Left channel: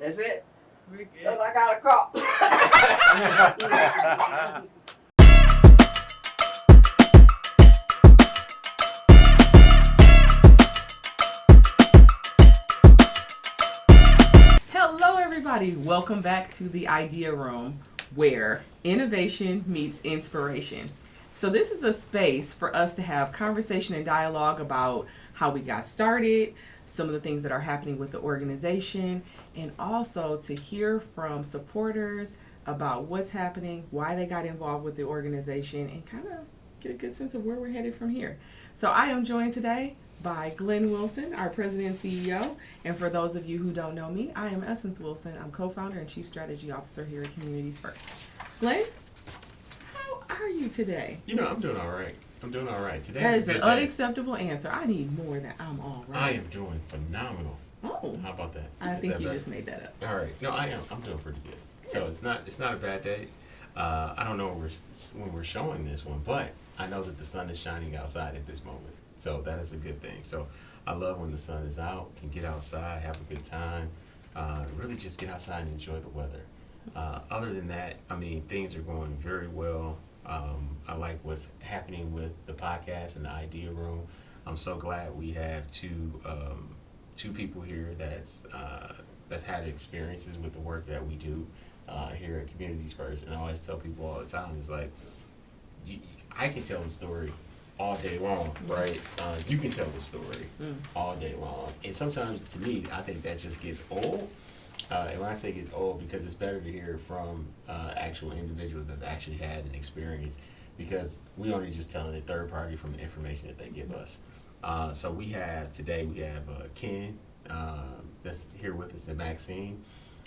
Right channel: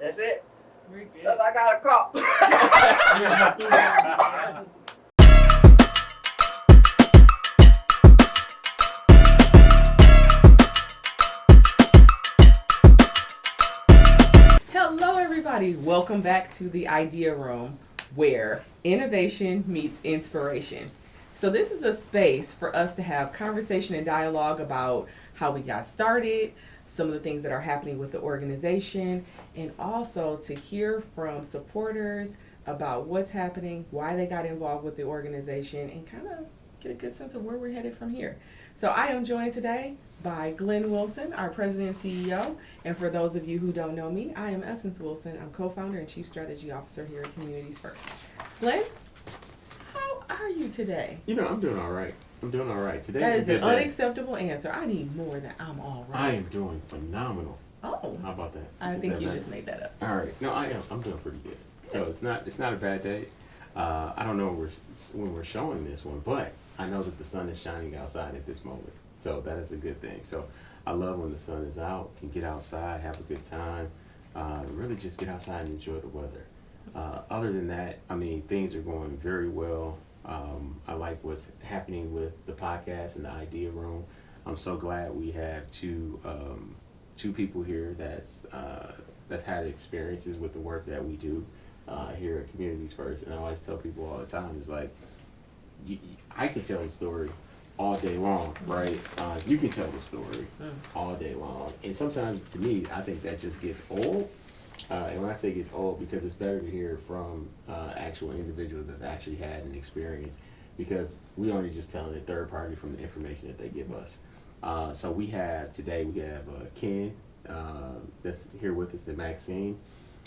That's it. We're good. Cause I got a call. Hello, everybody. Welcome back to the Idea Room, where innovation meets inspiration. So this is a space for us to have conversation and dialogue about how we got started, some of the things that are happening with the organization, and also to hear from supporters about what's happening, why they got involved with the organization, and kind of get a good sense of where we're headed from here. So I am joined today by Glenn Wilson, our president and CEO. And for those of you who don't know me, I am Essence Wilson. I'm co-founder and chief strategy officer here at Communities First. Glenn, how are you today? You know, I'm doing all right. Today That is is a an good day. unacceptable answer. I need more than I'm all right. I am doing phenomenal. Oh, How about that? I Is think that you better? just made that up. All right. No, I am. I'm doing pretty good. So it's not a bad day. I don't know when we're showing this one, but I know that the sun is shining outside at this moment. So that is a good thing. So I love when the sun is out, can get outside, have a good time, really just get outside and enjoy the weather. Other than that, I mean, things are going very well. I like what's happening with the podcast and the idea room. I'm so glad we have two people here that's had experiences with the work that we do here at Communities First. And I always tell people all the time, it's like, I can tell the story all day long, right? You can tell the story all day long. And sometimes, to me, I think that just gets old. And when I say it gets old, because it's better to hear from actual individuals that's actually had an experience, because we only just telling the third party from the information that they give us. So today we have Ken that's here with us, and Maxine,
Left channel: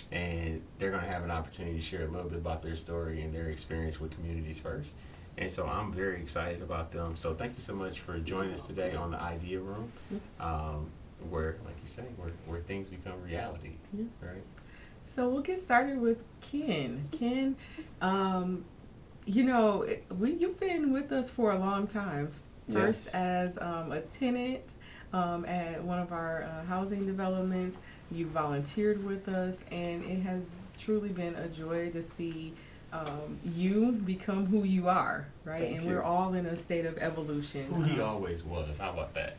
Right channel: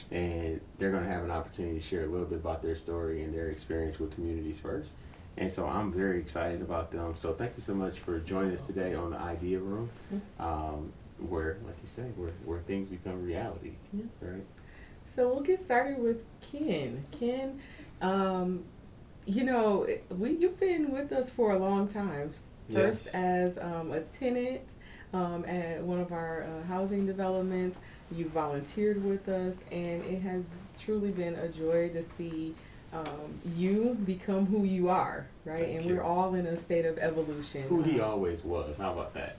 and they're going to have an opportunity to share a little bit about their story and their experience with Communities First. And so I'm very excited about them. So thank you so much for joining us today on the Idea Room, where, like you say, where things become reality, right? So we'll get started with Ken. Ken, you've been with us for a long time. First Yes. as a tenant at one of our housing developments. You volunteered with us, and it has truly been a joy to see you become who you are, right? Thank and you. We're all in a state of evolution. Who he always was. How about that?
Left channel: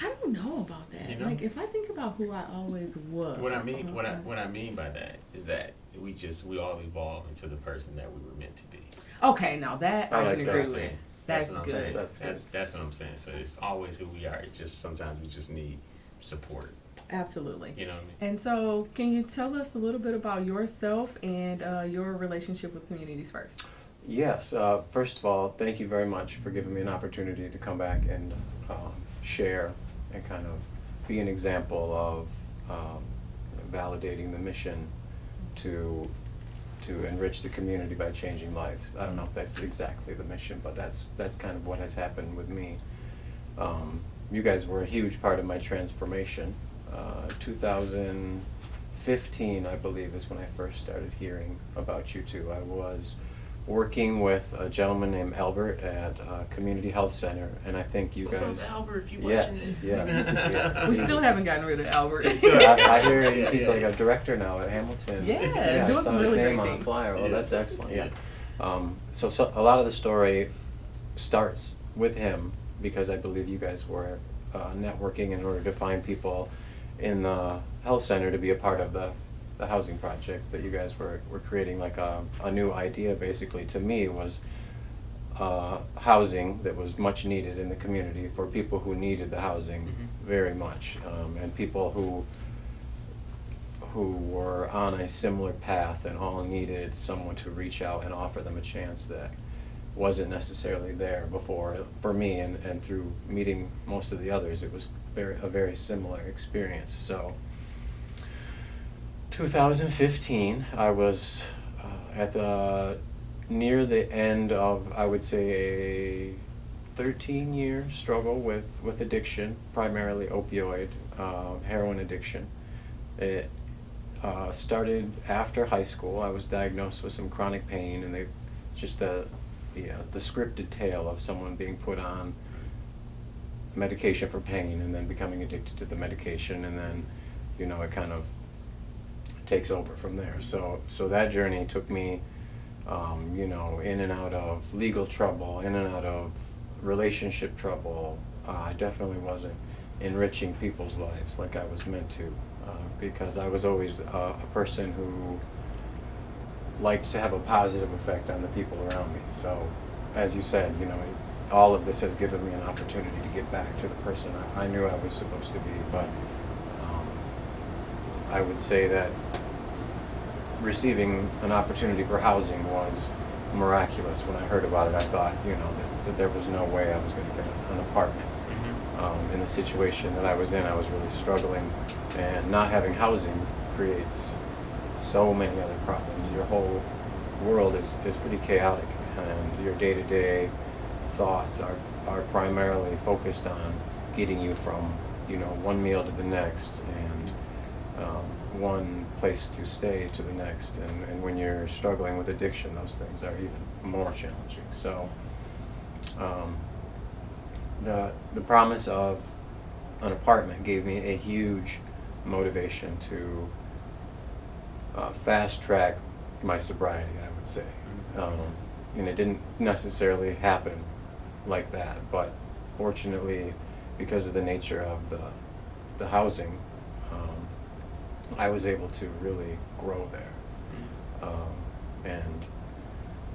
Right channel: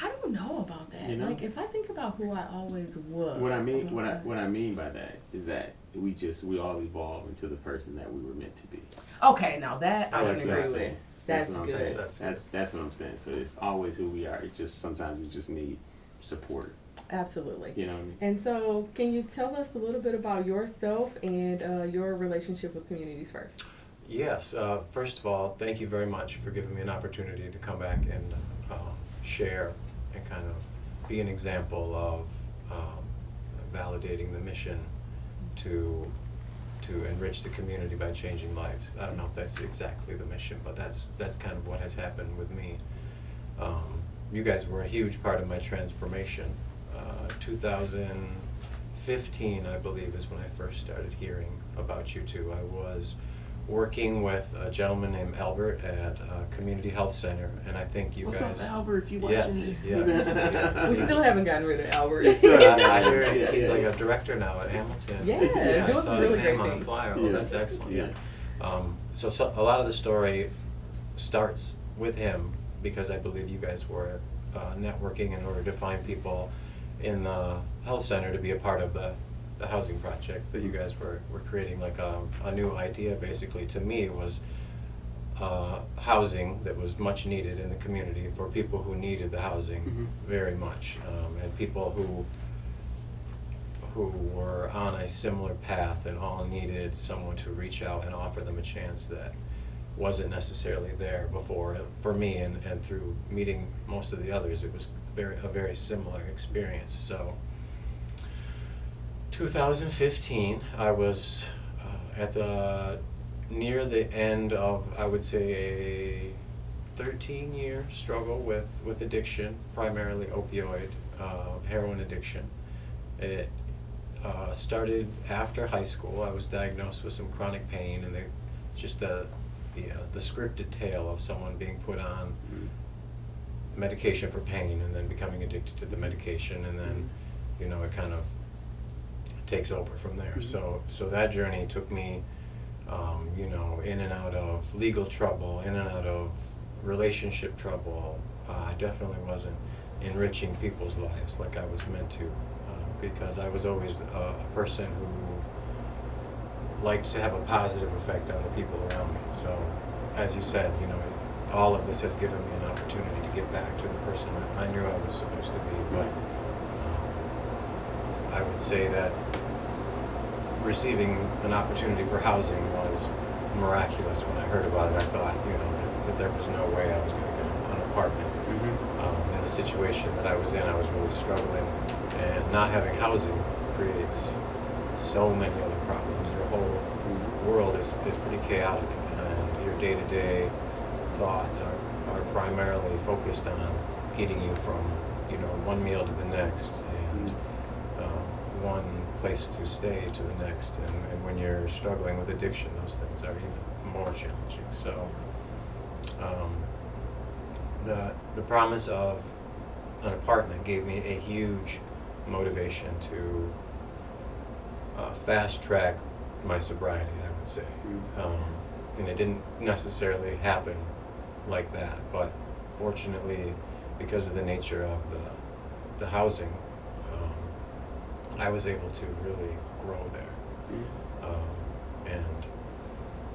I don't know about that. You know? Like, if I think about who I always was. What I mean by that is that we all evolve into the person that we were meant to be. Okay, now that I That's can what agree I'm with. saying. That's what I'm good. saying. That's what I'm saying. So it's always who we are. It's just sometimes we just need support. Absolutely. You know what I mean? And so, can you tell us a little bit about yourself and your relationship with Communities First? Yes. First of all, thank you very much for giving me an opportunity to come back and share and kind of be an example of validating the mission to enrich the community by changing lives. I don't know if that's exactly the mission, but that's kind of what has happened with me. You guys were a huge part of my transformation. 2015, I believe, is when I first started hearing about you two. I was working with a gentleman named Albert at a community health center, and I think you What's guys. up, Albert? If you Yes, watching this, yes. We still haven't gotten rid of Albert. I hear he's like a director now at Hamilton. Yeah, I doing saw some his really name great on things. the flyer. Oh, Yeah. that's excellent. Yeah. So a lot of the story starts with him because I believe you guys were networking in order to find people in the health center to be a part of the housing project that you guys were creating. Like a new idea basically to me was housing that was much needed in the community for people who needed the housing very much, and people who were on a similar path and all needed someone to reach out and offer them a chance that wasn't necessarily there before. For me, and through meeting most of the others, it was a very similar experience. So 2015, I was at near the end of, I would say, a 13-year struggle with addiction, primarily opioid, heroin addiction. It started after high school. I was diagnosed with some chronic pain, and the scripted tale of someone being put on medication for pain and then becoming addicted to the medication, and then, it kind of takes over from there. So that journey took me, you know, in and out of legal trouble, in and out of relationship trouble. I definitely wasn't enriching people's lives like I was meant to, because I was always a person who liked to have a positive effect on the people around me. So, as you said, you know, all of this has given me an opportunity to get back to the person I knew I was supposed to be. But I would say that receiving an opportunity for housing was miraculous. When I heard about it, I thought, you know, that there was no way I was going to get an apartment. In the situation that I was in, I was really struggling, and not having housing creates so many other problems. Your whole world is pretty chaotic, and your day-to-day thoughts are primarily focused on getting you from, you know, one meal to the next, and one place to stay to the next. And when you're struggling with addiction, those things are even more challenging. So the promise of an apartment gave me a huge motivation to fast track my sobriety, I would say. And it didn't necessarily happen like that, but fortunately, because of the nature of the housing, I was able to really grow there. And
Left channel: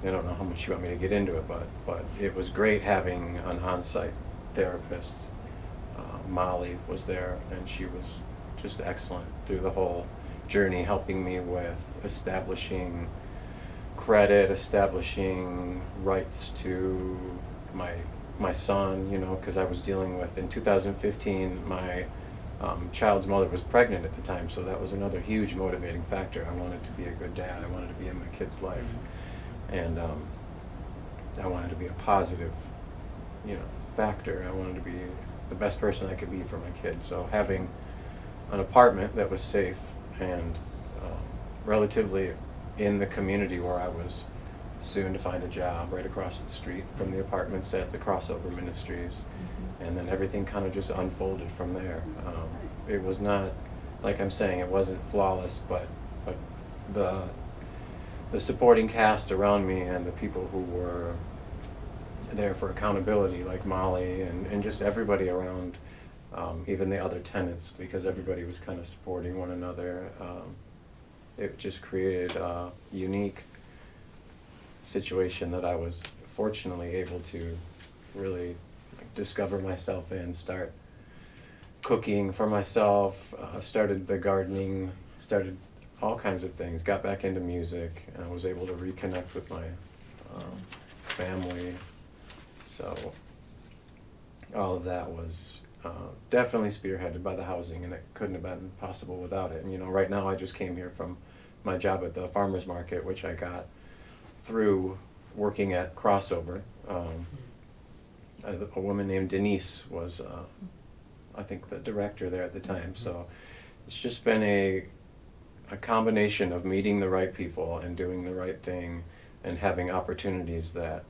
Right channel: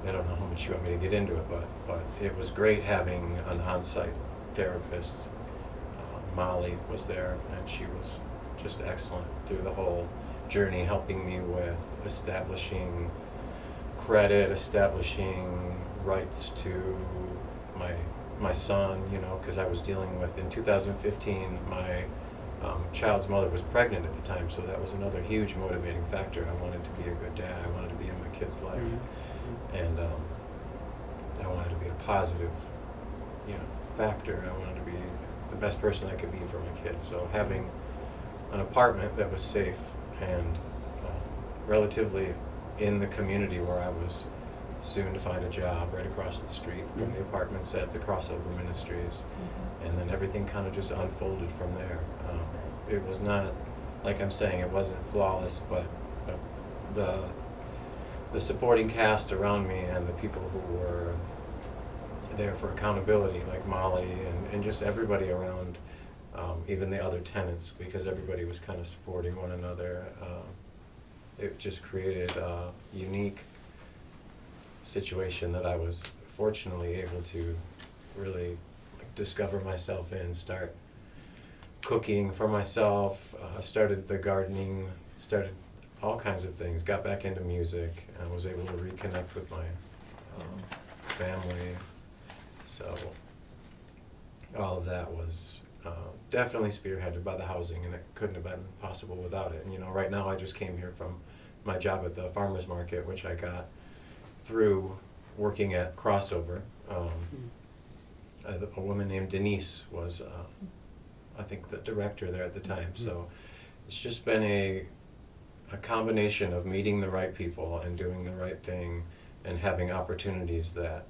I don't know how much you want me to get into it, but it was great having an on-site therapist. Molly was there, and she was just excellent through the whole journey, helping me with establishing credit, establishing rights to my son, you know, because I was dealing with, in 2015, my child's mother was pregnant at the time, so that was another huge motivating factor. I wanted to be a good dad. I wanted to be in my kid's life, and I wanted to be a positive, you know, factor. I wanted to be the best person I could be for my kids. So having an apartment that was safe and relatively in the community where I was soon to find a job, right across the street from the apartments at the Crossover Ministries, and then everything kind of just unfolded from there. It was not, like I'm saying, it wasn't flawless, but the supporting cast around me and the people who were there for accountability, like Molly and just everybody around, even the other tenants, because everybody was kind of supporting one another. It just created a unique situation that I was fortunately able to really discover myself in, start cooking for myself, started the gardening, started all kinds of things, got back into music, and I was able to reconnect with my family. So all of that was definitely spearheaded by the housing, and it couldn't have been possible without it. And you know, right now I just came here from my job at the farmer's market, which I got through working at Crossover. A woman named Denise was, I think, the director there at the time. So it's just been a combination of meeting the right people and doing the right thing and having opportunities that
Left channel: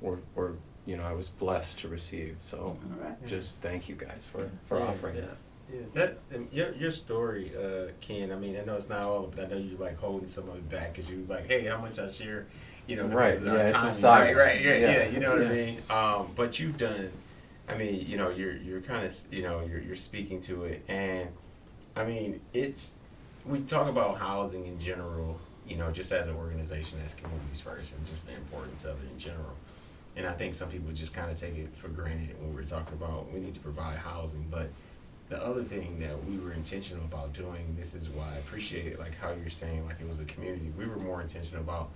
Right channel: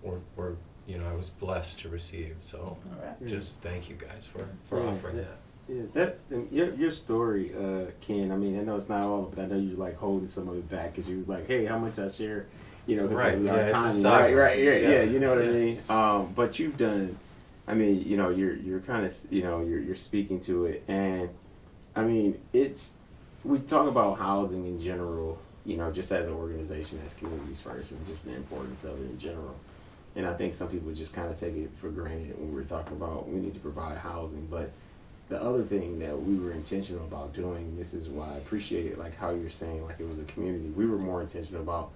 were you know, I was blessed to receive. So just thank you guys for offering it. Yeah, that your story, Ken. I mean, I know it's not all of it. I know you're like holding some of it back because you're like, hey, how much I share, you know, right? Yeah, our it's time, a right, yeah, you know what I mean. But you've done. I mean, you know, you're kind of, you know, you're speaking to it, and I mean, we talk about housing in general, you know, just as an organization, as communities first, and just the importance of it in general. And I think some people just kind of take it for granted when we're talking about we need to provide housing. But the other thing that we were intentional about doing, this is why I appreciate it, like how you're saying, like it was a community. We were more intentional about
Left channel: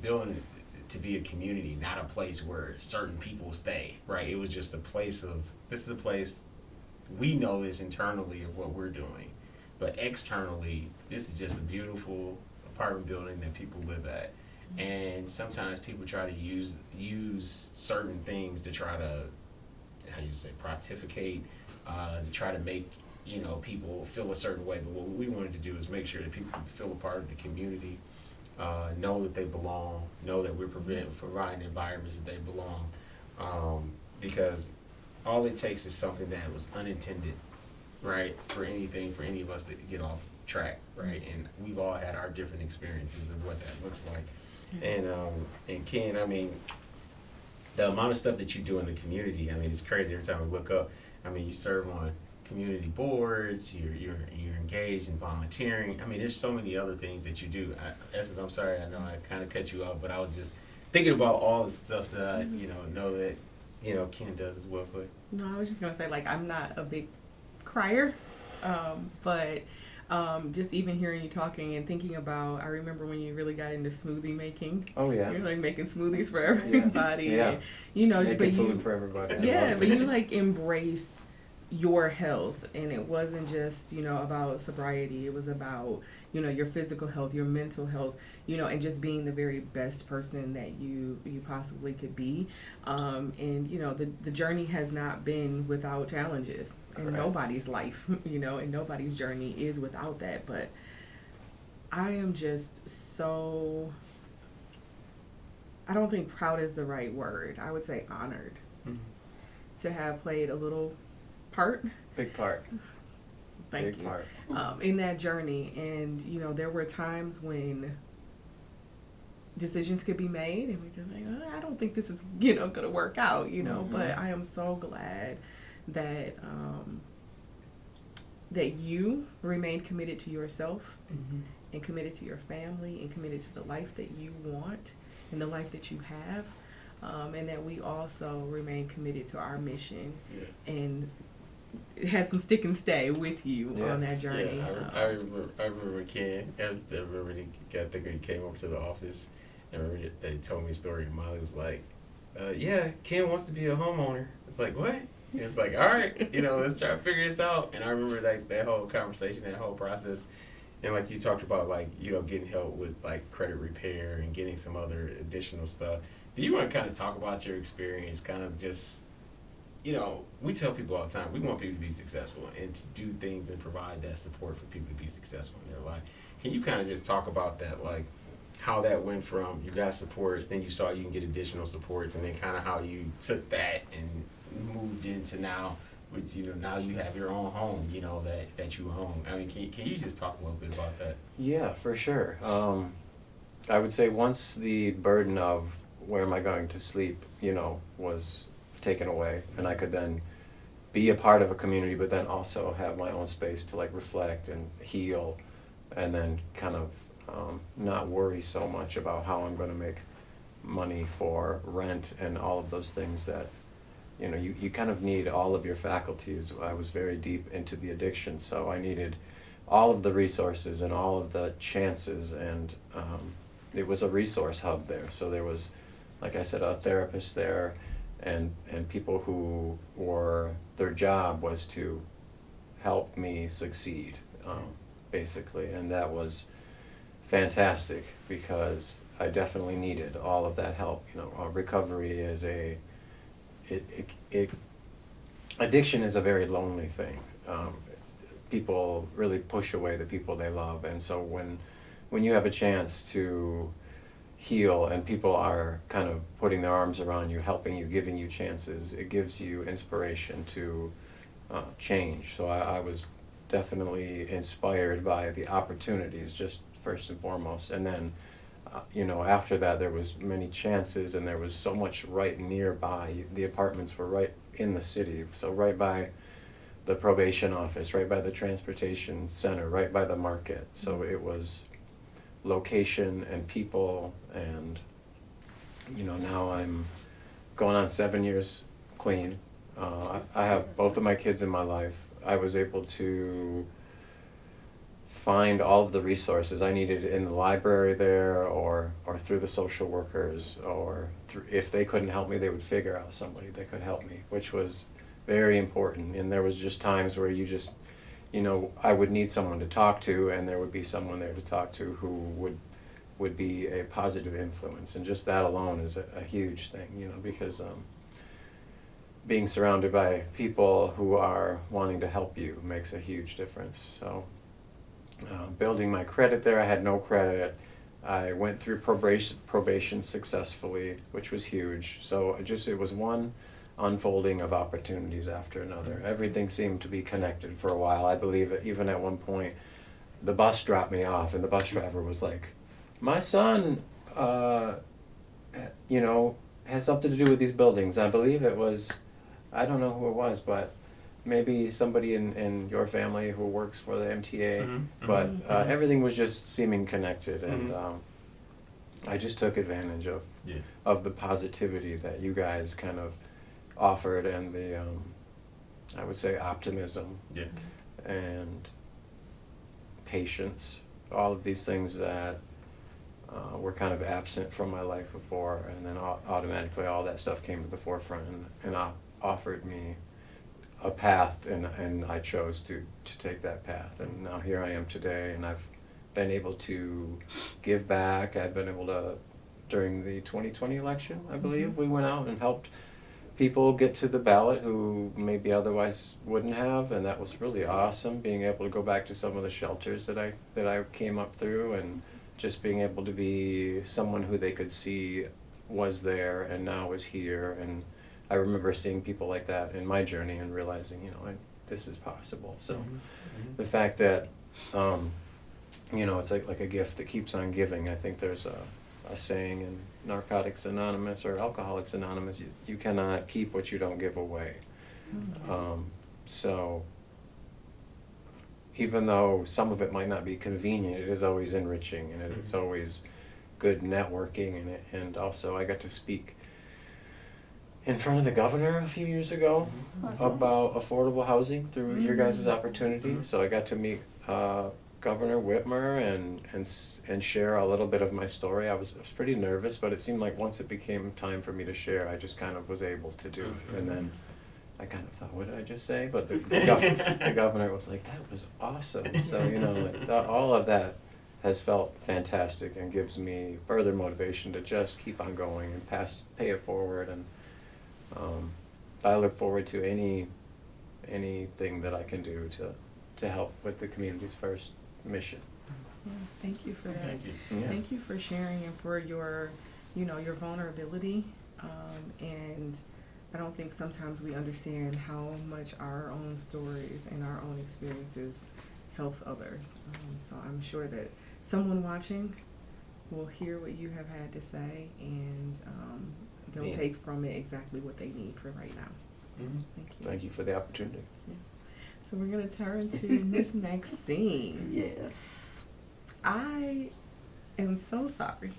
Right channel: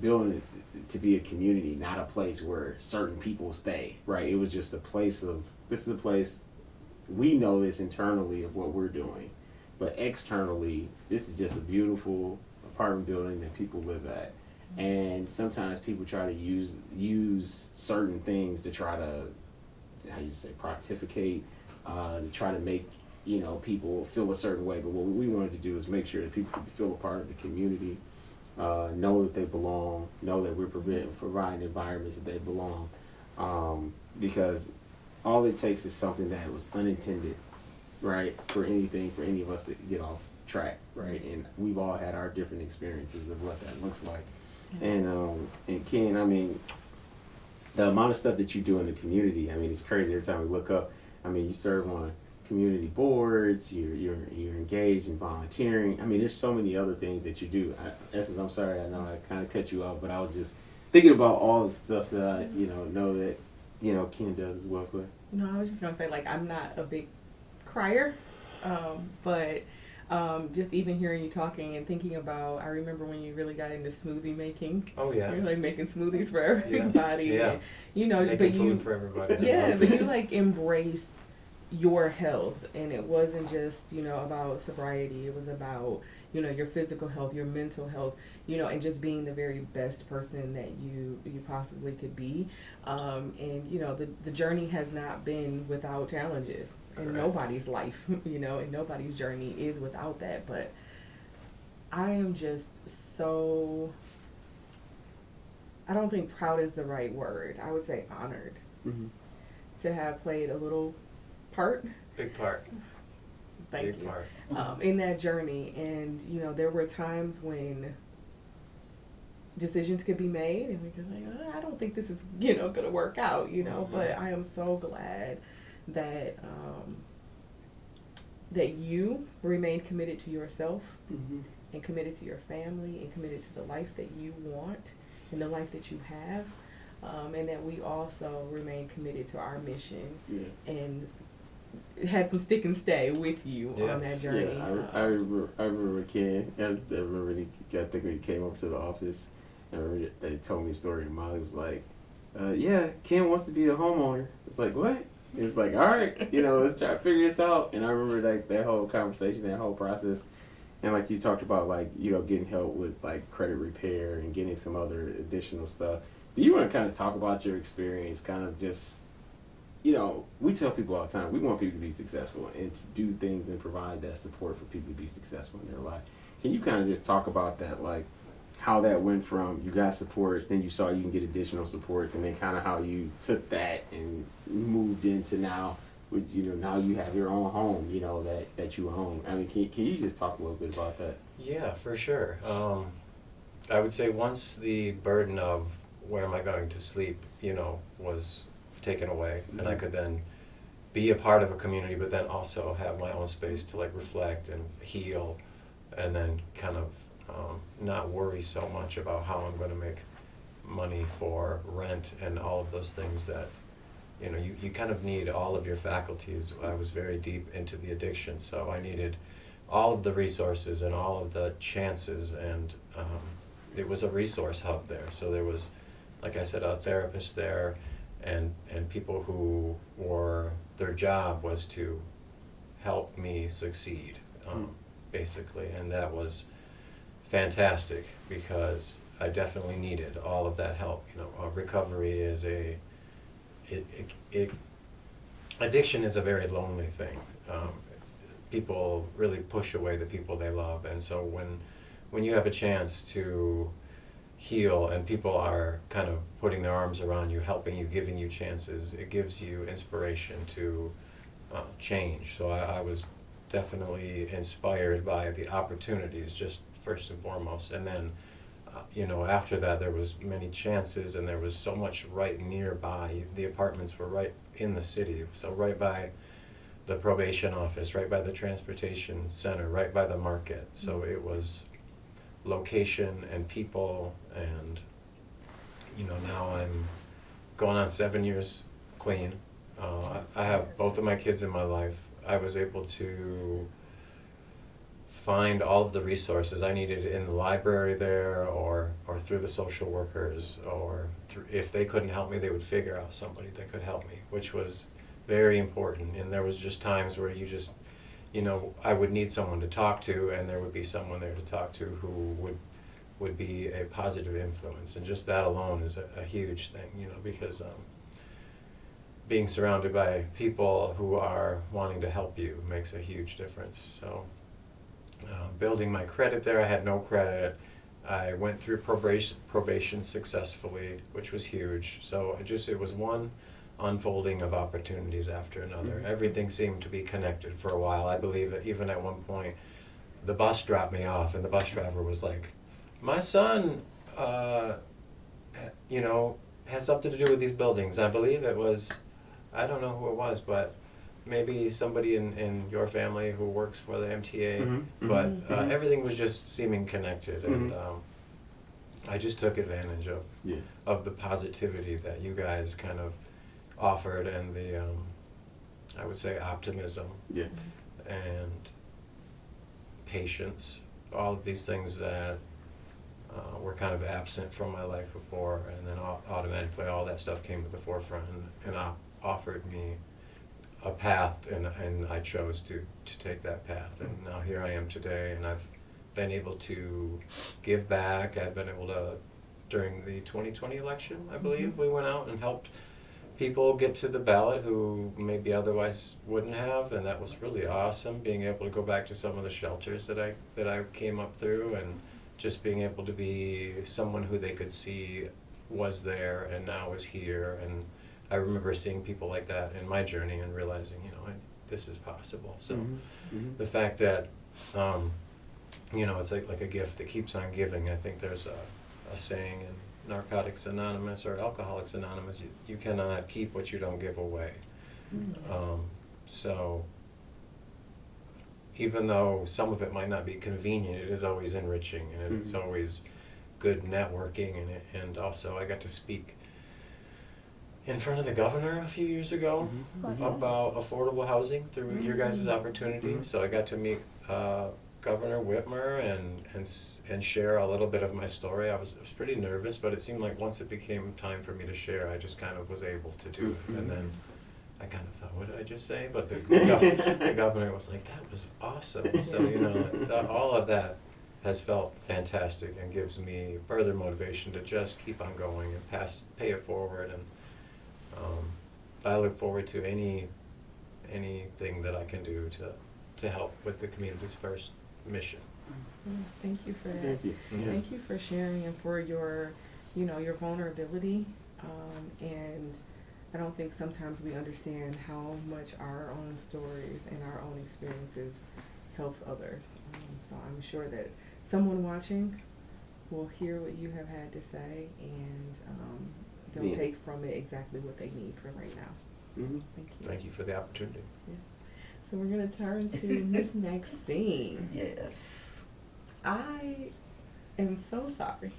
building it to be a community, not a place where certain people stay, right? It was just a place of, this is a place, we know this internally of what we're doing. But externally, this is just a beautiful apartment building that people live at. And sometimes people try to use certain things to try to, how you say, pontificate, to try to make, you know, people feel a certain way. But what we wanted to do is make sure that people could feel a part of the community, know that they belong, know that we're providing environments that they belong, because all it takes is something that was unintended, right, for anything, for any of us to get off track, right? And we've all had our different experiences of what that looks like. And Ken, I mean, the amount of stuff that you do in the community, I mean, it's crazy. Every time we look up, I mean, you serve on community boards, you're engaged in volunteering. I mean, there's so many other things that you do. Essence, I'm sorry, I know I kind of cut you off, but I was just thinking about all the stuff that I, know that, Ken does as well. Quick. No, I was just gonna say, like, I'm not a big crier, but just even hearing you talking and thinking about, I remember when you really got into smoothie making. Oh yeah. You're like making smoothies for everybody. Yeah. And, Making but food for everybody. yeah, but you like embraced your health, and it wasn't just about sobriety. It was about your physical health, your mental health, and just being the very best person that you possibly could be. And the journey has not been without challenges, and Correct. nobody's life, and nobody's journey is without that. But I am just so, I don't think proud is the right word. I would say honored to have played a little part. Big part. Thank Big you. Part. In that journey. And, there were times when decisions could be made and we're just like, I don't think this is, going to work out, but I am so glad that, that you remained committed to yourself and committed to your family and committed to the life that you want and the life that you have. And that we also remain committed to our mission and had some stick and stay with you on that journey. Yeah, I remember Ken. I think when he came up to the office, I remember they told me a story. And Molly was like, Ken wants to be a homeowner. It's like, what? It's like, all right, let's try to figure this out. And I remember that whole conversation, that whole process. And like you talked about, like, getting help with like credit repair and getting some other additional stuff. Do you want to kind of talk about your experience, kind of just, we tell people all the time, we want people to be successful and to do things and provide that support for people to be successful in their life. Can you kind of just talk about that, like how that went from you got supports, then you saw you can get additional supports, and then kind of how you took that and moved into now with, now you have your own home, that you own. I mean, can you just talk a little bit about that? Yeah, for sure. I would say once the burden of where am I going to sleep, was taken away, and I could then be a part of a community, but then also have my own space to like reflect and heal, and then kind of not worry so much about how I'm going to make money for rent and all of those things that you kind of need all of your faculties. I was very deep into the addiction, so I needed all of the resources and all of the chances, and it was a resource hub there. So there was, like I said, a therapist there, and people who were, their job was to help me succeed, basically. And that was fantastic because I definitely needed all of that help. Recovery is addiction is a very lonely thing. People really push away the people they love, and so when you have a chance to heal and people are kind of putting their arms around you, helping you, giving you chances, it gives you inspiration to change. So I was definitely inspired by the opportunities, just first and foremost, and then after that there was many chances, and there was so much right nearby. The apartments were right in the city, so right by the probation office, right by the transportation center, right by the market. So it was location and people, and now I'm going on 7 years clean. I have both of my kids in my life. I was able to find all of the resources I needed in the library there, or through the social workers, or if they couldn't help me, they would figure out somebody that could help me, which was very important. And there was just times where you just, I would need someone to talk to, and there would be someone there to talk to who would be a positive influence. And just that alone is a huge thing, because being surrounded by people who are wanting to help you makes a huge difference. So building my credit there, I had no credit. I went through probation successfully, which was huge. So it was one unfolding of opportunities after another. Everything seemed to be connected for a while. I believe even at one point the bus dropped me off, and the bus driver was like, my son, you know, has something to do with these buildings. I believe it was, I don't know who it was, but maybe somebody in your family who works for the MTA. Mm-hmm. But Mm-hmm. everything was just seeming connected, and I just took advantage of the positivity that you guys kind of offered, and the I would say optimism and patience, all of these things that were kind of absent from my life before, and then automatically all that stuff came to the forefront and offered me a path, and I chose to take that path, and now here I am today, and I've been able to give back. I've been able to, during the 2020 election, I believe, we went out and helped people get to the ballot who maybe otherwise wouldn't have, and that was really awesome, being able to go back to some of the shelters that I came up through, and just being able to be someone who they could see was there and now is here. And I remember seeing people like that in my journey and realizing, you know, this is possible. So the fact that you know, it's like a gift that keeps on giving. I think there's a saying in Narcotics Anonymous or Alcoholics Anonymous, you cannot keep what you don't give away. So even though some of it might not be convenient, it is always enriching, and it's always good networking. And also I got to speak in front of the governor a few years ago about affordable housing through your guys' opportunity. So I got to meet Governor Whitmer and share a little bit of my story. I was pretty nervous, but it seemed like once it became time for me to share, I just kind of was able to do it. And then I kind of thought, what did I just say? But the governor was like, that was awesome. So, you know, all of that has felt fantastic and gives me further motivation to just keep on going and pay it forward. And I look forward to anything that I can do to help with the community's first mission. Yeah, thank you for that. Thank you. Thank you for sharing and for your, you know, your vulnerability. And I don't think sometimes we understand how much our own stories and our own experiences helps others. So I'm sure that someone watching will hear what you have had to say, and they'll take from it exactly what they need for right now. Thank you. Thank you for the opportunity. Yeah. So we're going to turn to Miss Maxine. Yes. I am so sorry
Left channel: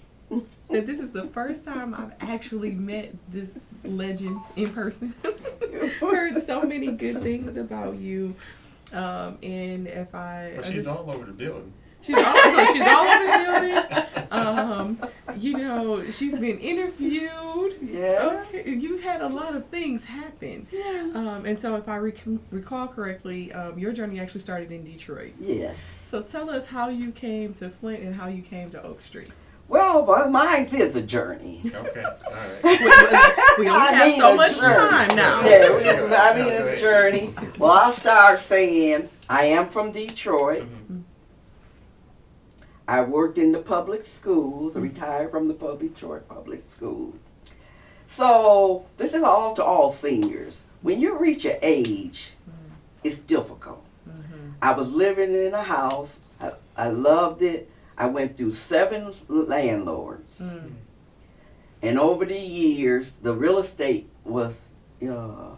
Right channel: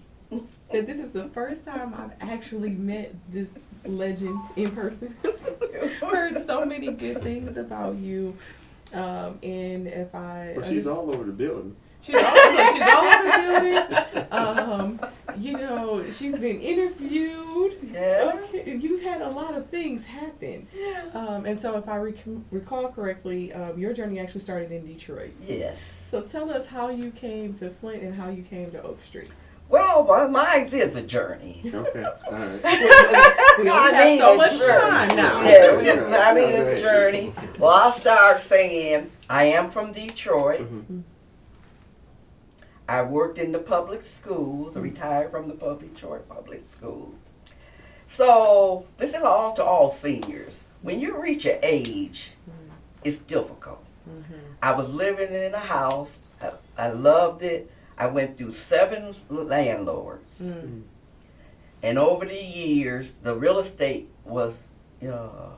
that this is the first time I've actually met this legend in person. Heard so many good things about you. And if I... Well, she's all over the building. She's all over the building. You know, she's been interviewed. Yeah. Okay. You've had a lot of things happen. Yeah. And so if I recall correctly, your journey actually started in Detroit. Yes. So tell us how you came to Flint and how you came to Oak Street. Well, mine is a journey. Okay, all right. We only have so much time now. Yeah, I mean, it's a journey. Well, I'll start saying I am from Detroit. I worked in the public schools, retired from the Detroit public school. So this is all to all seniors. When you reach an age, it's difficult. I was living in a house. I loved it. I went through 7 landlords. And over the years, the real estate was, how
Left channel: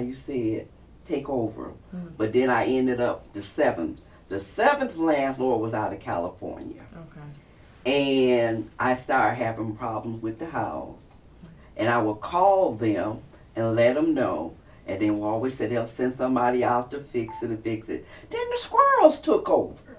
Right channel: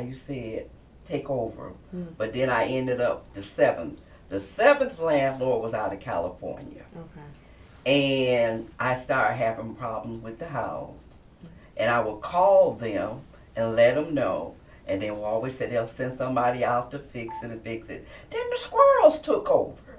you say it, take over. But then I ended up the 7th. The 7th landlord was out of California. Okay. And I started having problems with the house. And I would call them and let them know. And they will always say they'll send somebody out to fix it and fix it. Then the squirrels took over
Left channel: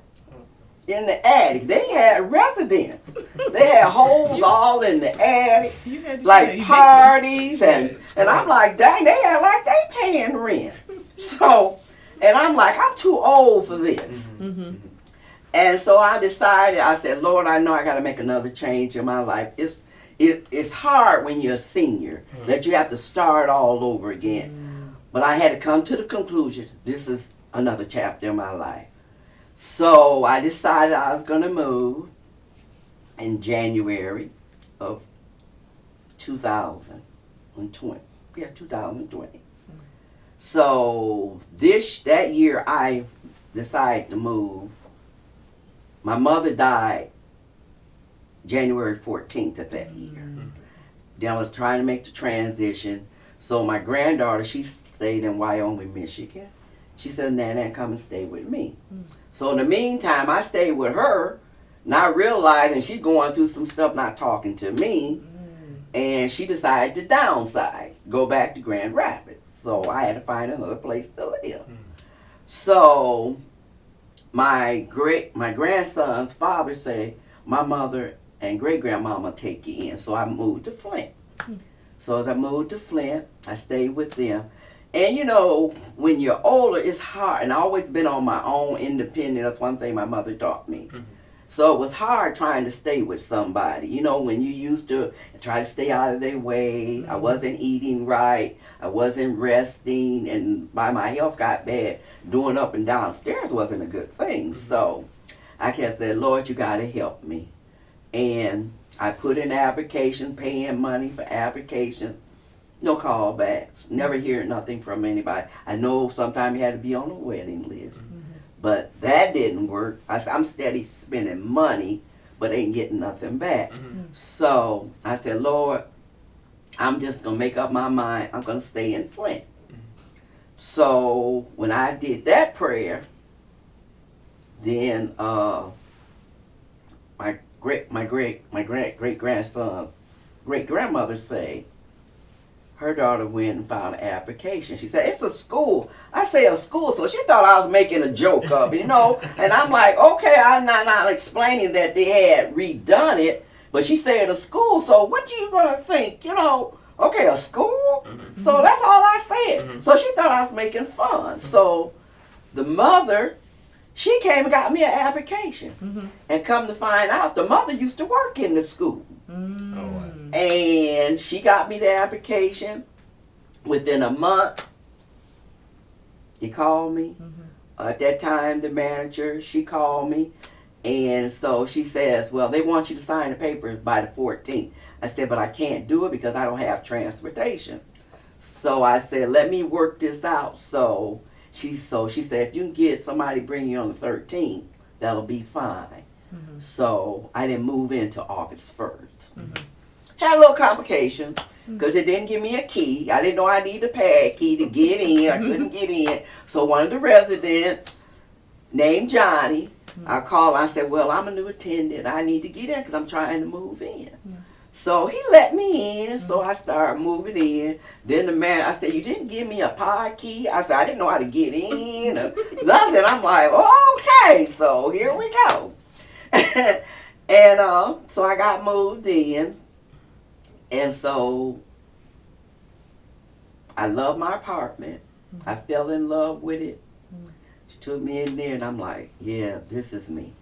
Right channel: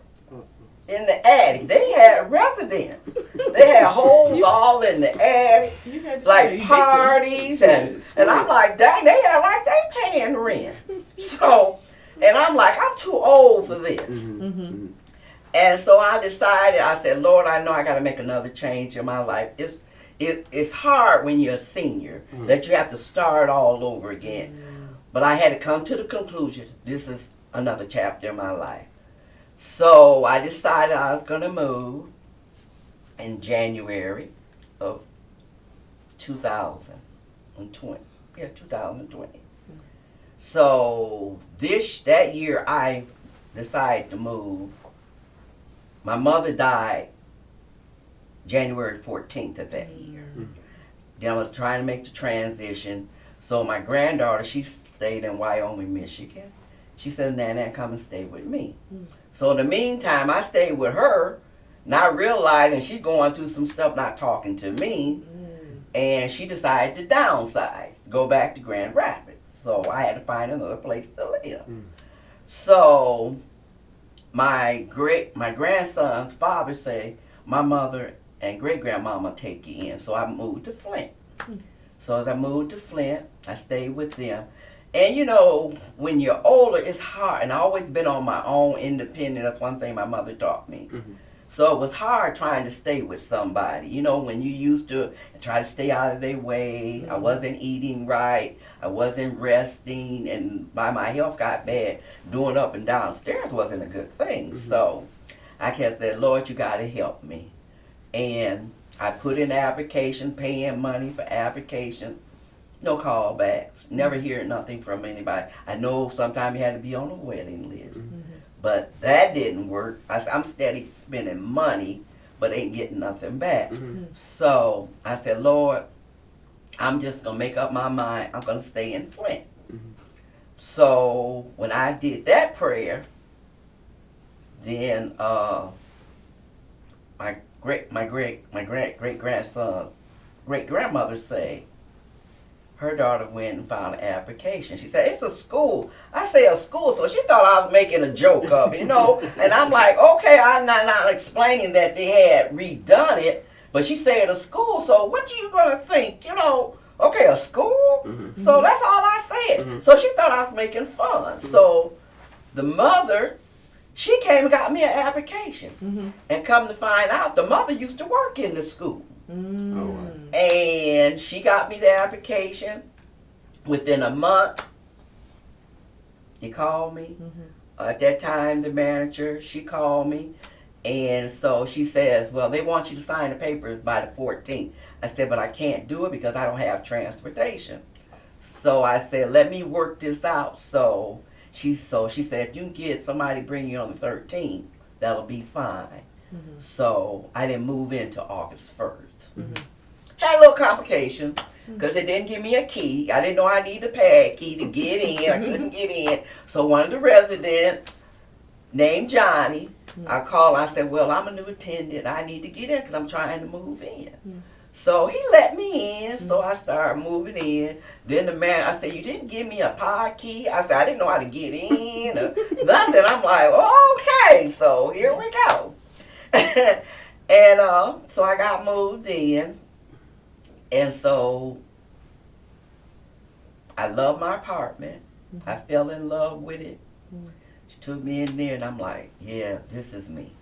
in the attic. They had residents. They had holes all in the attic, like parties. And I'm like, dang, they had like they paying rent. So, and I'm like, I'm too old for this. And so I decided, I said, Lord, I know I got to make another change in my life. It's hard when you're a senior that you have to start all over again. But I had to come to the conclusion, this is another chapter in my life. So I decided I was going to move in January of 2020. Yeah, 2020. So that year I decided to move. my mother died January 14th of that year. Then I was trying to make the transition. So my granddaughter, she stayed in Wyoming, Michigan. She said, Nana, come and stay with me. So in the meantime, I stayed with her, not realizing she's going through some stuff, not talking to me. And she decided to downsize, go back to Grand Rapids. So I had to find another place to live. So my grandson's father said, my mother and great-grandmama take you in. So I moved to Flint. So as I moved to Flint, I stayed with them. And you know, when you're older, it's hard. And I've always been on my own, independent. That's one thing my mother taught me. So it was hard trying to stay with somebody. You know, when you used to try to stay out of their way. I wasn't eating right. I wasn't resting. And my health got bad. Doing up and downstairs wasn't a good thing. So I kept saying, Lord, you got to help me. And I put in application, paying money for application. No callbacks. Never hear nothing from anybody. I know sometimes you had to be on a waiting list. But that didn't work. I'm steady spending money, but ain't getting nothing back. So I said, Lord, I'm just going to make up my mind. I'm going to stay in Flint. So when I did that prayer, then my great grandson's great grandmother say her daughter went and filed an application. She said, it's a school. I say a school, so she thought I was making a joke of it, you know. And I'm like, okay, I'm not explaining that they had redone it, but she said a school, so what you gonna think, you know? Okay, a school? So that's all I said. So she thought I was making fun. So the mother, she came and got me an application. And come to find out, the mother used to work in the school. And she got me the application. Within a month, he called me. At that time, the manager, she called me. And so she says, well, they want you to sign the papers by the 14th. I said, but I can't do it because I don't have transportation. So I said, let me work this out. So she said, if you can get somebody to bring you on the 13th, that'll be fine. So I didn't move into August 1st. Had a little complication because it didn't give me a key. I didn't know I needed a pad key to get in. I couldn't get in. So one of the residents named Johnny, I called. I said, well, I'm a new attendant. I need to get in because I'm trying to move in. So he let me in. So I started moving in. Then the man, I said, you didn't give me a pod key? I said, I didn't know how to get in. Nothing. I'm like, oh, okay. So here we go. And so I got moved in. And so I love my apartment. I fell in love with it. She took me in there and I'm like, yeah, this is me.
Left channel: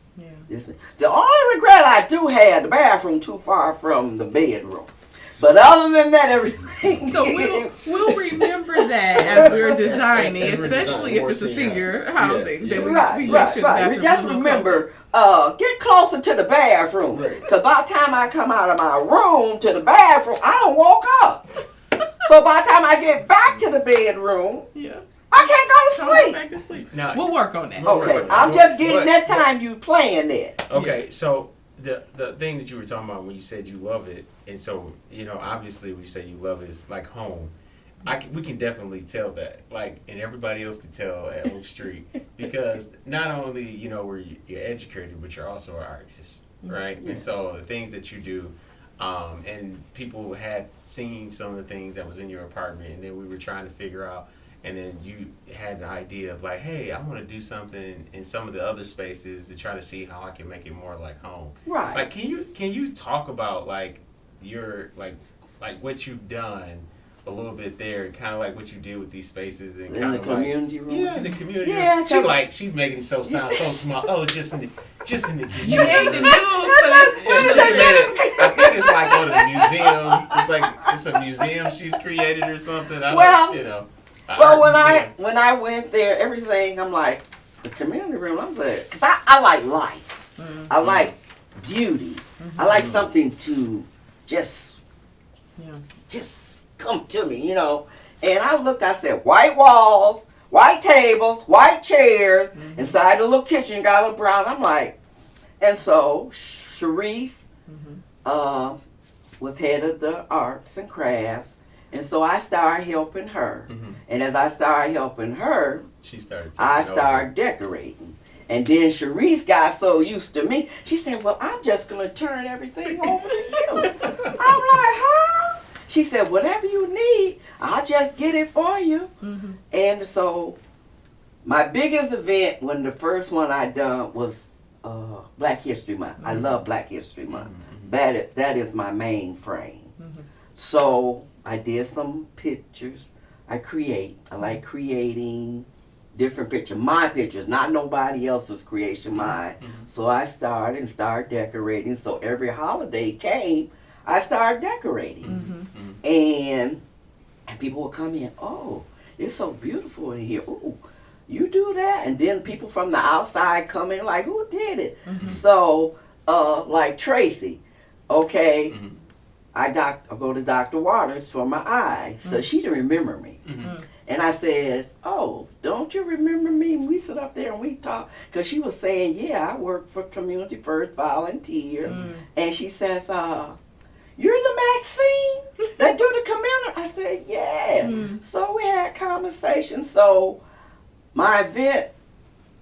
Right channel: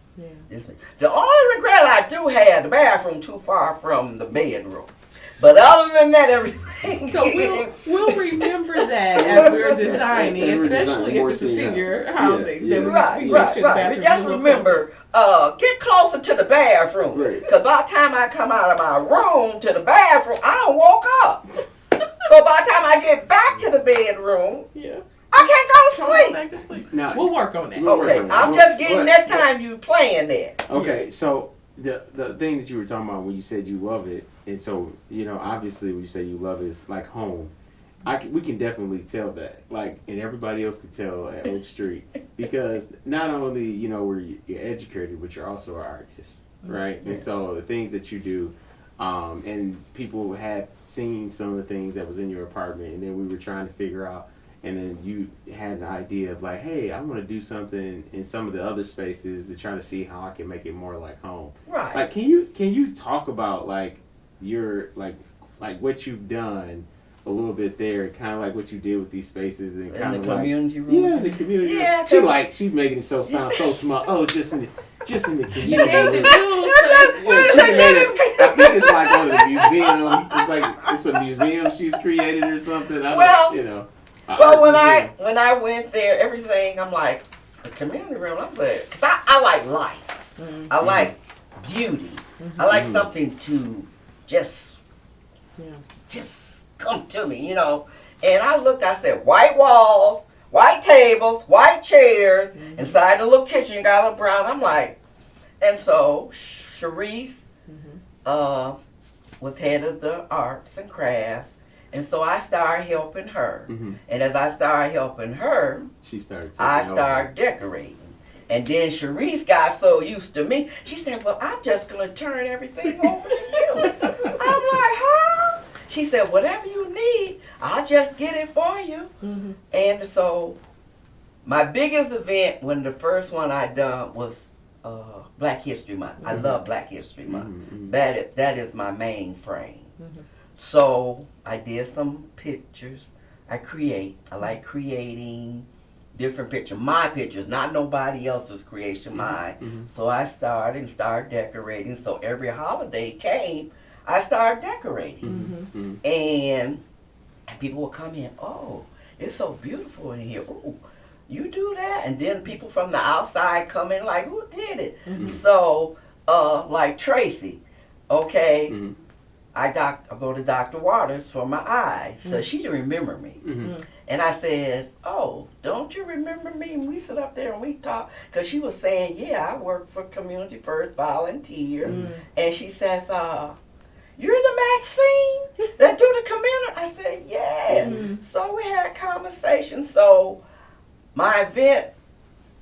This is. The only regret I do have, the bathroom too far from the bedroom. But other than that, everything. So we'll remember that as we're designing, especially if it's a senior housing. That we make sure the bathroom. Just remember, get closer to the bathroom. Because by the time I come out of my room to the bathroom, I don't walk up. So by the time I get back to the bedroom, I can't go to sleep. Back to sleep. Now, we'll work on that. Okay, I'm just getting next time you playing that. Okay, so the thing that you were talking about when you said you love it, and so, you know, obviously when you say you love it, it's like home. We can definitely tell that, like, and everybody else can tell at Oak Street, because not only, you know, you're educated, but you're also an artist, right? And so the things that you do, and people had seen some of the things that was in your apartment, and then we were trying to figure out, and then you had an idea of like, hey, I want to do something in some of the other spaces to try to see how I can make it more like home. Right. Like, can you talk about like your like what you've done a little bit there, kind of like what you did with these spaces and kind of the community room. Yeah, the community. Yeah, room. She's making it sound so small. Oh, just in the community. You made the news for this. Yeah, she made it. I think it's like on a museum. It's like it's a museum she's created or something. Well, you know. Well, when I went there, everything, I'm like, the community room, I'm like, I like life. I like beauty. I like something to just come to me, you know. And I looked, I said, white walls, white tables, white chairs. Inside the little kitchen, got a little brown. I'm like, And so Sharice Mm-hmm. was head of the arts and crafts. And so I started helping her. Mm-hmm. And as I started helping her, She started. I taking started decorating. And then Sharice got so used to me, she said, well, I'm just going to turn everything over to you. I'm like, huh? She said, whatever you need, I'll just get it for you. Mm-hmm. And so my biggest event, when the first one I done was Black History Month. I love Black History Month. Mm-hmm. That is my main frame. Mm-hmm. So I did some pictures. I like creating different pictures. My pictures, not nobody else's creation, mine. Mm-hmm. So I started decorating. So every holiday came, I started decorating. Mm-hmm. And people would come in, oh, it's so beautiful in here. Ooh, you do that? And then people from the outside come in like, who did it? Mm-hmm. So, like Tracy, okay, Mm-hmm. I go to Dr. Waters for my eyes. So she didn't remember me. Mm-hmm. And I said, oh, don't you remember me? And we sit up there and we talk. Because she was saying, yeah, I work for Community First Volunteer. Mm. And she says, you're the Maxine that do the community? I said, yeah. Mm. So we had conversations. So my event,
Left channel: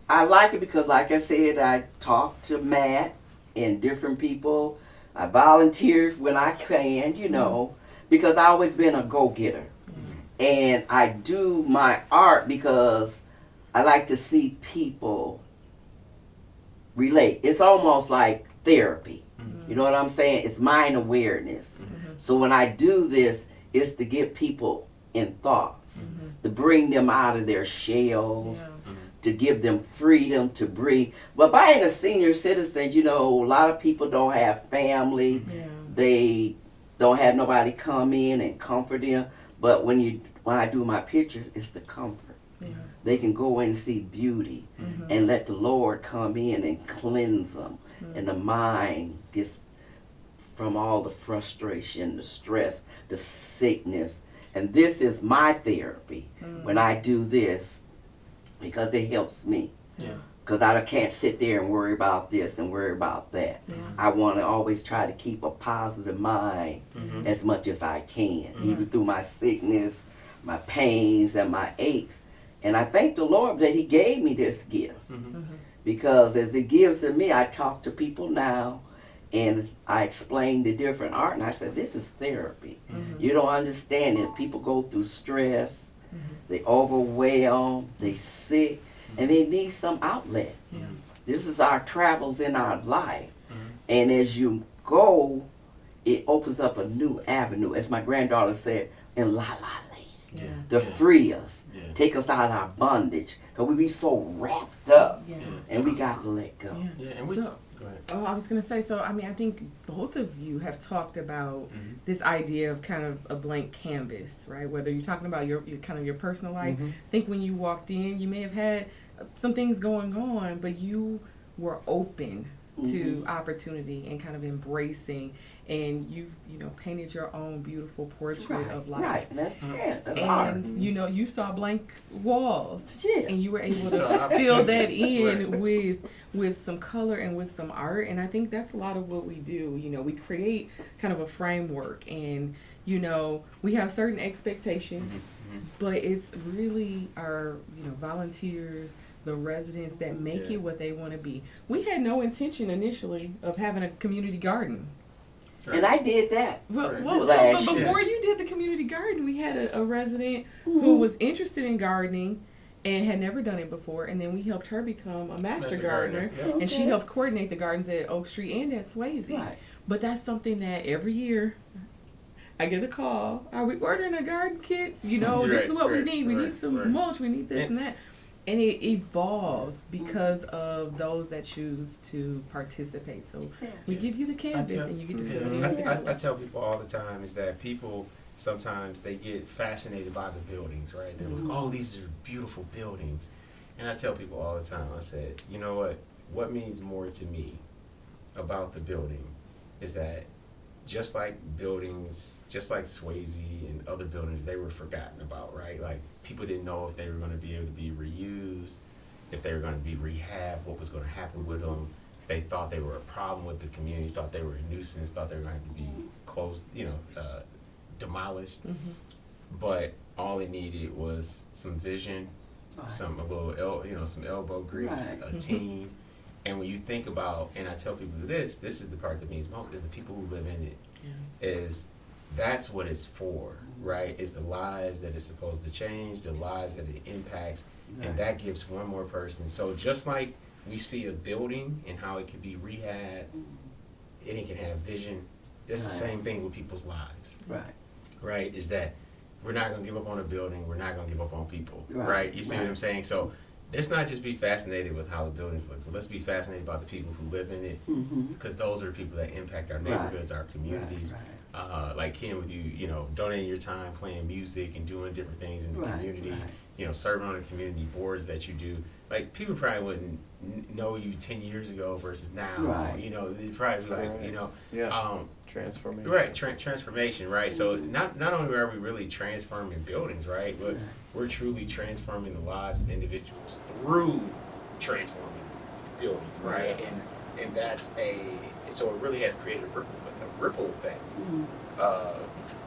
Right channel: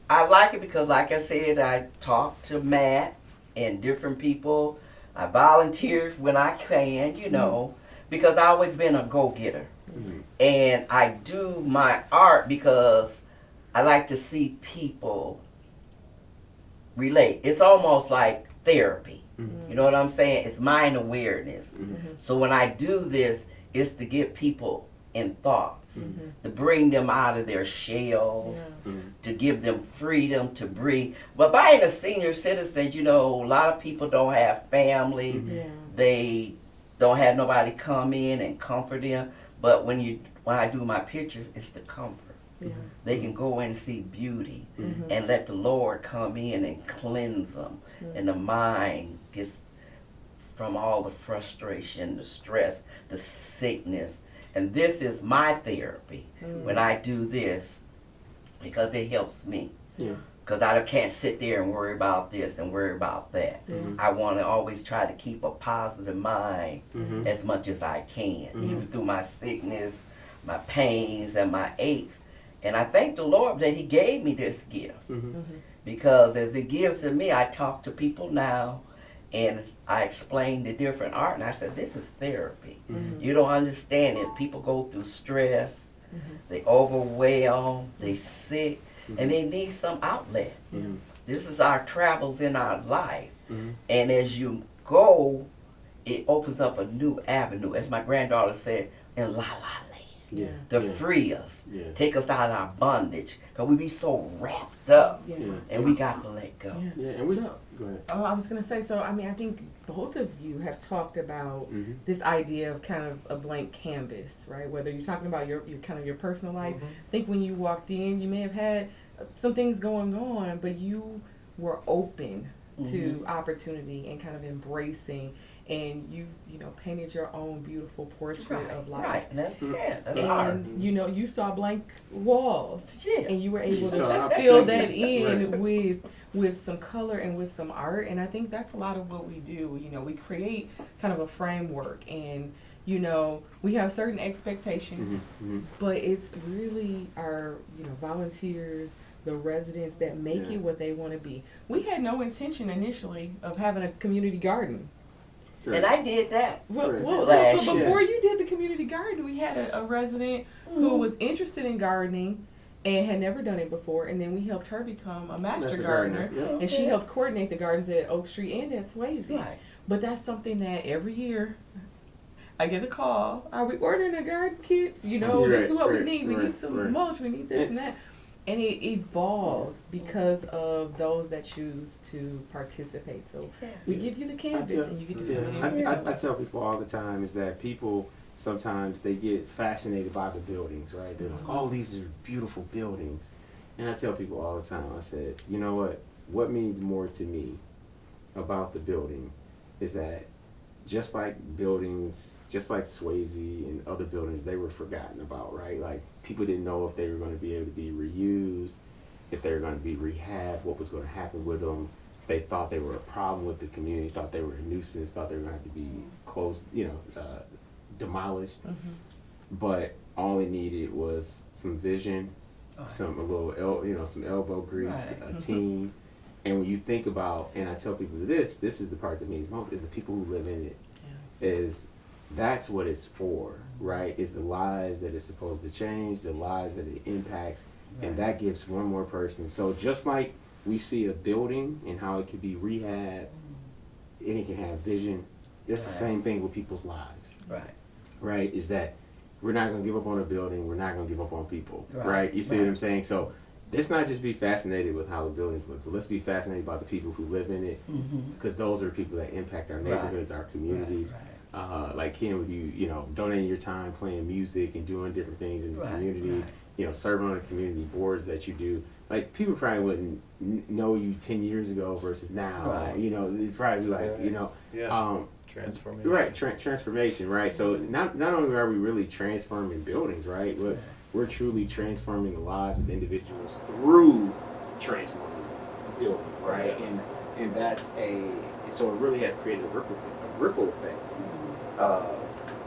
I like it because, like I said, I talk to Matt and different people. I volunteer when I can, you know, because I always been a go-getter. Mm-hmm. And I do my art because I like to see people relate. It's almost like therapy. Mm-hmm. You know what I'm saying? It's mind awareness. Mm-hmm. So when I do this, it's to get people in thoughts, to bring them out of their shells, Yeah. to give them freedom to breathe. But being a senior citizen, you know, a lot of people don't have family. Yeah. They don't have nobody come in and comfort them. But when I do my pictures, it's the comfort. Yeah. They can go in and see beauty Mm-hmm. and let the Lord come in and cleanse them. And the mind gets from all the frustration, the stress, the sickness. And this is my therapy when I do this because it helps me. Yeah. Because I can't sit there and worry about this and worry about that. Yeah. I want to always try to keep a positive mind Mm-hmm. as much as I can, even through my sickness, my pains, and my aches. And I thank the Lord that He gave me this gift. Mm-hmm. Because as He gives to me, I talk to people now and I explain the different art. And I said, this is therapy. Mm-hmm. You don't understand it. People go through stress, they overwhelm, they sick, and they need some outlet. Yeah. This is our travels in our life. Mm-hmm. And as you go, it opens up a new avenue, as my granddaughter said, in La La Land. Yeah. To free us, Yeah. take us out of our bondage. Because we be so wrapped up, Yeah. and we got to let go. Yeah. Yeah. And we So- go ahead. Oh, I was gonna say. So, I mean, I think both of you have talked about Mm-hmm. this idea of kind of a blank canvas, right? Whether you're talking about your kind of your personal life. Mm-hmm. I think when you walked in, you may have had some things going on, but you were open to opportunity and kind of embracing, and you painted your own beautiful portrait of life. Right, and that's that's And art. you saw blank walls, Yeah. and you were able So to fill that opportunity. in Right. with some color and with some art. And I think that's a lot of what we do. We create kind of a framework, and we have certain expectations, Mm-hmm. but it's really our volunteers, the residents that make Yeah. it what they want to be. We had no intention initially of having a community garden. And I did that. Well, Right. well Last but year. before you did the community garden, we had a resident who was interested in gardening and had never done it before, and then we helped her become a master gardener, Yeah. and she Okay. helped coordinate the gardens at Oak Street and at Swayze. Right. But that's something that every year I get a call. Are we ordering a garden kits? This is what we Right, need. We right, need some right. mulch. We need this and that. And it evolves because of those that choose to participate. So we give you the canvas and you get to fill it in. I tell people all the time is that people sometimes they get fascinated by the buildings, right? They're like, oh, these are beautiful buildings. And I tell people all the time, I said, you know what? What means more to me about the building is that just like buildings, just like Swayze and other buildings, they were forgotten about, right? Like people didn't know if they were going to be able to be reused, if they were going to be rehabbed, what was going to happen with them. They thought they were a problem with the community, thought they were a nuisance, thought they were going to have to be closed, demolished. Mm-hmm. But all they needed was some vision, Right. some elbow grease, Right. a team. And when you think about, and I tell people this is the part that means most, is the people who live in it. Yeah. That's what it's for, right? Is the lives that it's supposed to change, the lives that it impacts, and that gives one more person. So just like we see a building and how it can be rehabbed, and it can have vision, it's the same thing with people's lives. Right. Right? Is that we're not going to give up on a building, we're not going to give up on people, Right. right? You see what I'm saying? So let's not just be fascinated with how the buildings look, but let's be fascinated by the people who live in it, because those are the people that impact our neighborhoods, our communities. Right. Like Ken, with you donating your time, playing music, and doing different things in the community. Right. Serving on the community boards that you do. Like people probably wouldn't know you 10 years ago versus now. Right. They'd probably be like, transformation. Right, transformation, right? So not only are we really transforming buildings, right? We're truly transforming the lives of individuals through transforming buildings, right? Yes. And that's so it really has created a ripple effect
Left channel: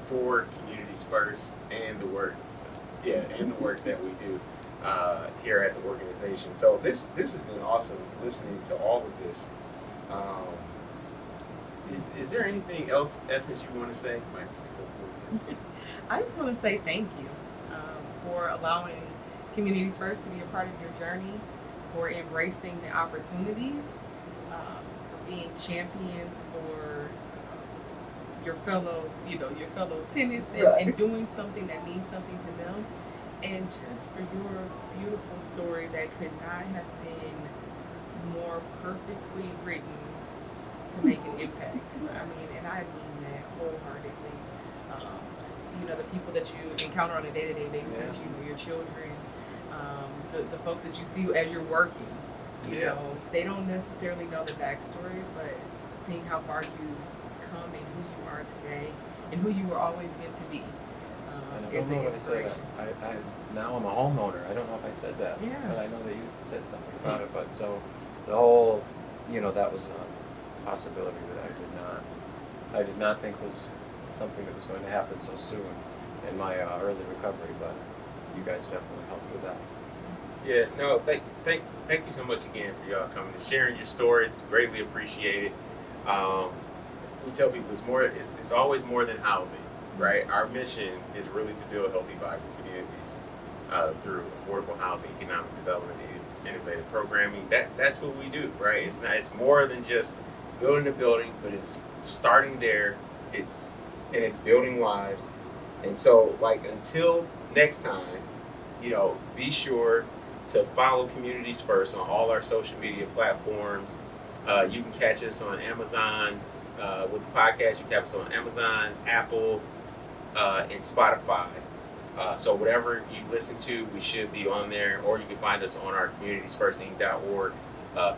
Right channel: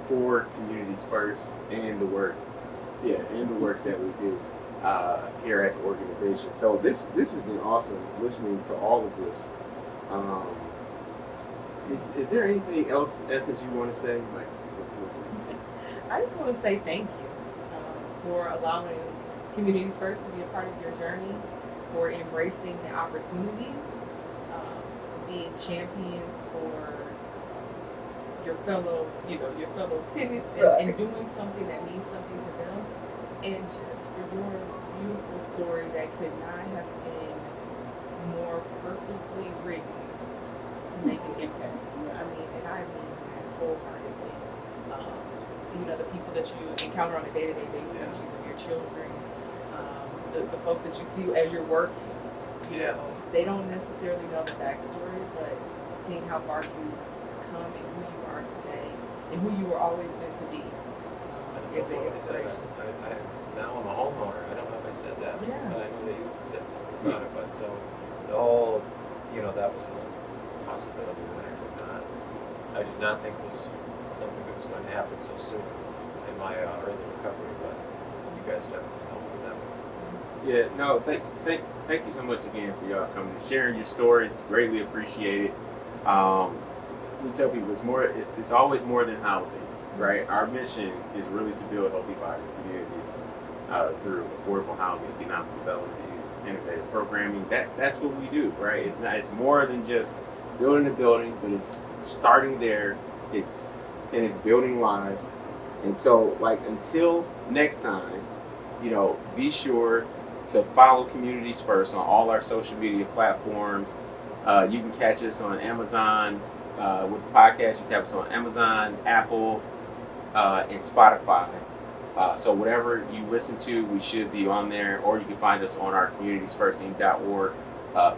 for communities first and the work that we do here at the organization. So this has been awesome listening to all of this. Is there anything else, Essence, you want to say? You might speak up. I just want to say thank you for allowing Communities First to be a part of your journey, for embracing the opportunities, for being champions for your fellow tenants, and doing something that means something to them, and just for your beautiful story that could not have been more perfectly written to make an impact. I mean, and I mean that wholeheartedly. The people that you encounter on a day-to-day basis, your children, the folks that you see as you're working, they don't necessarily know the backstory, but seeing how far you've come and who you are today and who you were always meant to be is an inspiration. Now I'm a homeowner. I don't know if I said that. Yeah. And I know that you said something about it, but so the whole, that was a possibility that I did not think was something that was going to happen so soon in my early recovery, but you guys definitely helped with that. Yeah, no, thank you so much again for y'all coming and sharing your stories. Greatly appreciated. We tell people it's always more than housing, right? Our mission is really to build healthy, vibrant communities through affordable housing, economic development, and innovative programming. That's what we do, right? It's more than just building a building, but it's starting there. It's building lives. And so, until next time, be sure to follow Communities First on all our social media platforms. You can catch us on Amazon with the podcast. You can catch us on Amazon, Apple, and Spotify. So whatever you listen to, we should be on there, or you can find us on our communitiesfirstinc.org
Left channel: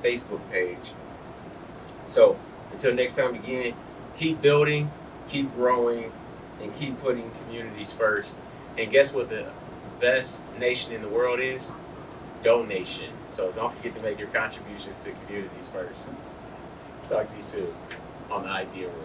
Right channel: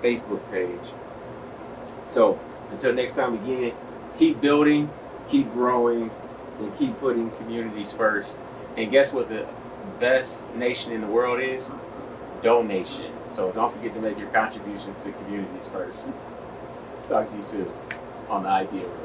Facebook page. So until next time, again, keep building, keep growing, and keep putting communities first. And guess what the best nation in the world is? Donation. So don't forget to make your contributions to communities first. Talk to you soon on the Idea Room.